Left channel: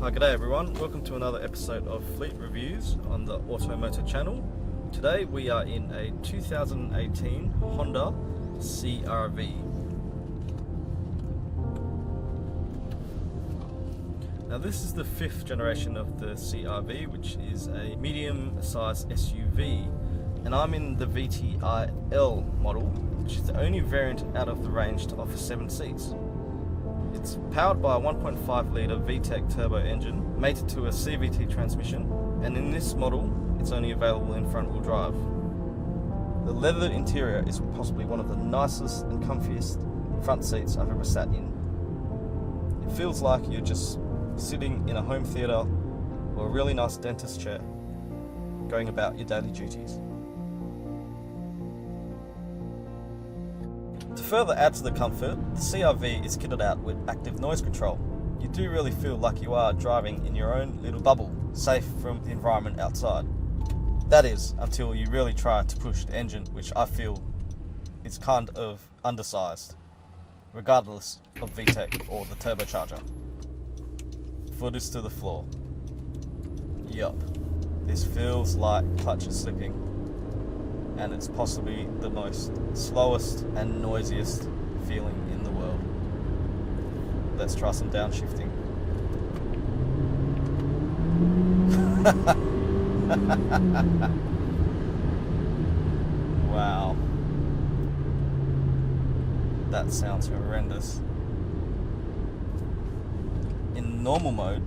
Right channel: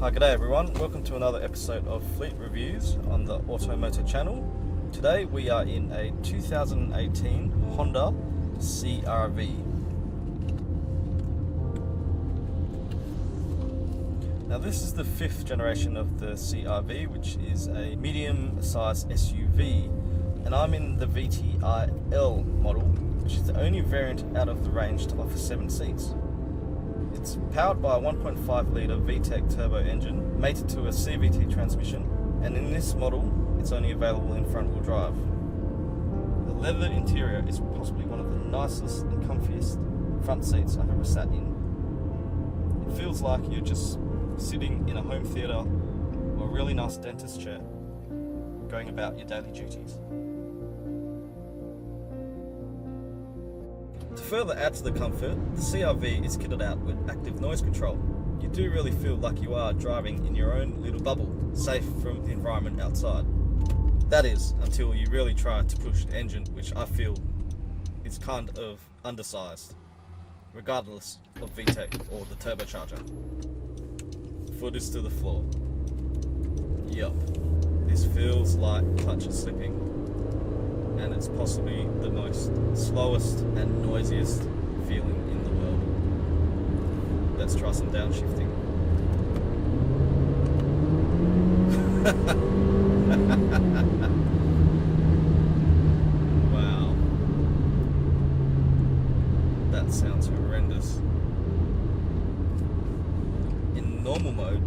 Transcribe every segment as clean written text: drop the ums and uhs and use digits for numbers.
Hi, g'day everyone. Welcome to another episode of Fleet Reviews on the Automotor channel. Today we are in a 2018 Honda CRV. Now this is the 5th generation of the CRV, which is a medium-sized SUV, and I'm in the VTI-L model, which is the only variant out of the range to offer 7 seats. It's powered by a 1.5 litre VTEC turbo engine mated to a CVT transmission, and in this model it's only available in front-wheel drive. The leather interior is possibly one of the nicest and comfiest front seats I've ever sat in. It feels like you're just sitting in a home theatre or a really nice dentist chair going about your daily duties. To further add to the comfort, the CRV is kitted out with active noise control. You do really feel like you are driving in your own little bubble, safe from the environment outside. That is, until you really try to push the engine, which I feel is kind of undersized, regardless of VTEC or the turbocharger. Foot is to the floor. Yup, this feels like clutch is slipping, and it's possibly the most slowest and noisiest feeling in the world. Let's try some downshifting. Wow, that sounds horrendous. In normal mode,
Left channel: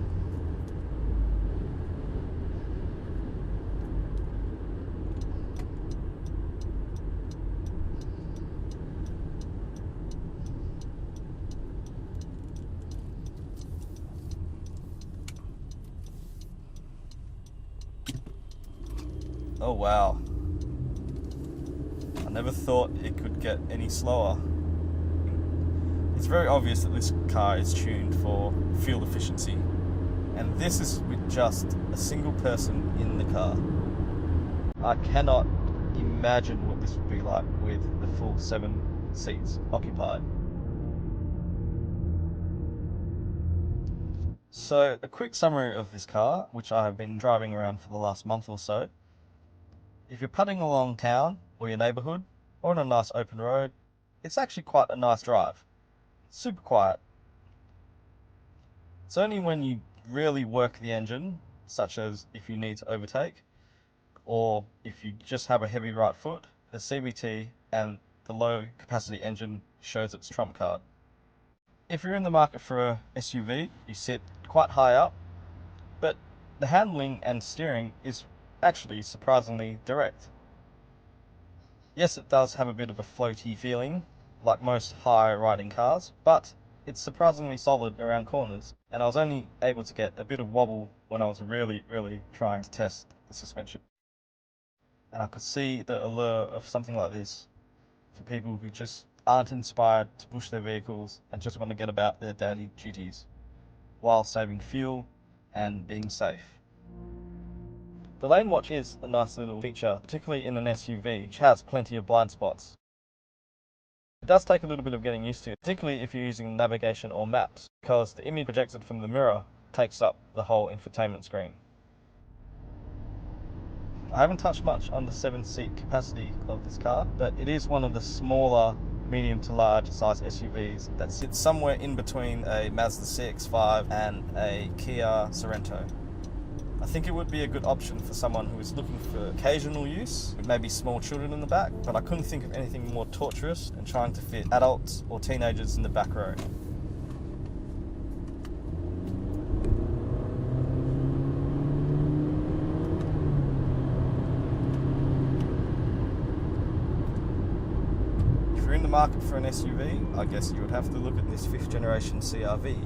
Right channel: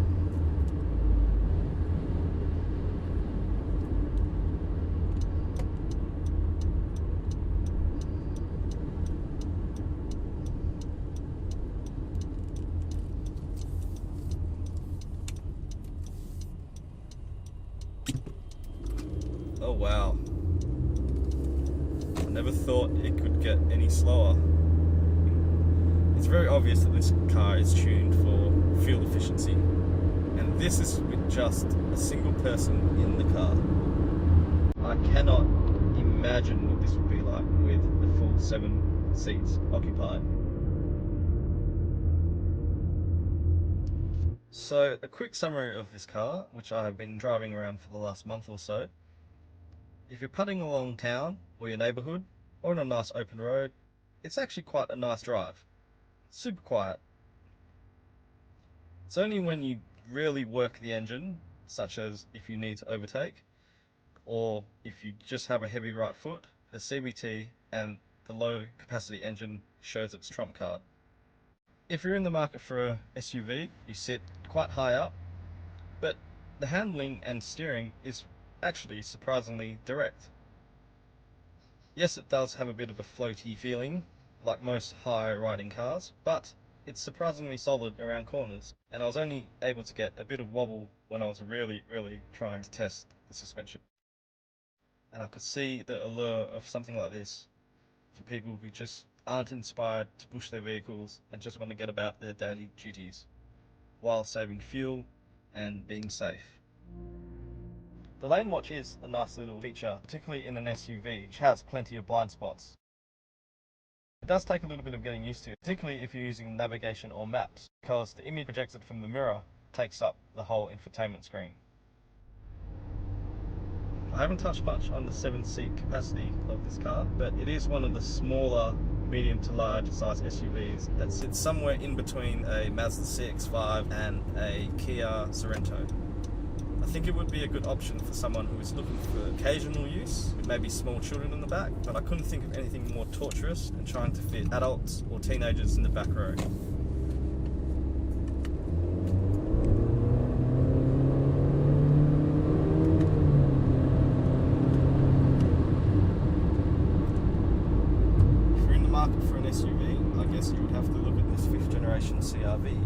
oh wow, I never thought it could get any slower. It's very obvious that this car is tuned for fuel efficiency, and this is with just a single person in the car. I cannot imagine what this would be like with the full 7 seats occupied. So a quick summary of this car, which I have been driving around for the last month or so. If you're putting along town or your neighbourhood or on a nice open road, it's actually quite a nice drive. Super quiet. It's only when you really work the engine, such as if you need to overtake, or if you just have a heavy right foot, the CVT and the low capacity engine shows its trump card. If you're in the market for a SUV, you sit quite high up, but the handling and steering is actually surprisingly direct. Yes, it does have a bit of a floaty feeling, like most high riding cars, but it's surprisingly solid around corners, and I was only able to get a bit of wobble when I was really trying to test the suspension. And I could see the allure of something like this for people who just aren't inspired to push their vehicles and just want to get about their daily duties while saving fuel and being safe. The lane watch is a nice little feature, particularly in an SUV, which has plenty of blind spots. It does take a little bit of getting used to, particularly if you're using navigation or maps, because the image projected from the mirror takes up the whole infotainment screen. I haven't touched much on the 7-seat capacity of this car, but it is one of the smaller medium to large size SUVs that sits somewhere in between a Mazda CX-5 and a Kia Sorento. I think it would be a good option for someone who is looking for occasional use, with maybe small children in the back, but I couldn't think of anything more torturous than trying to fit adults or teenagers in the back row. If you're in the market for an SUV, I guess you would have to look at this 5th generation CRV.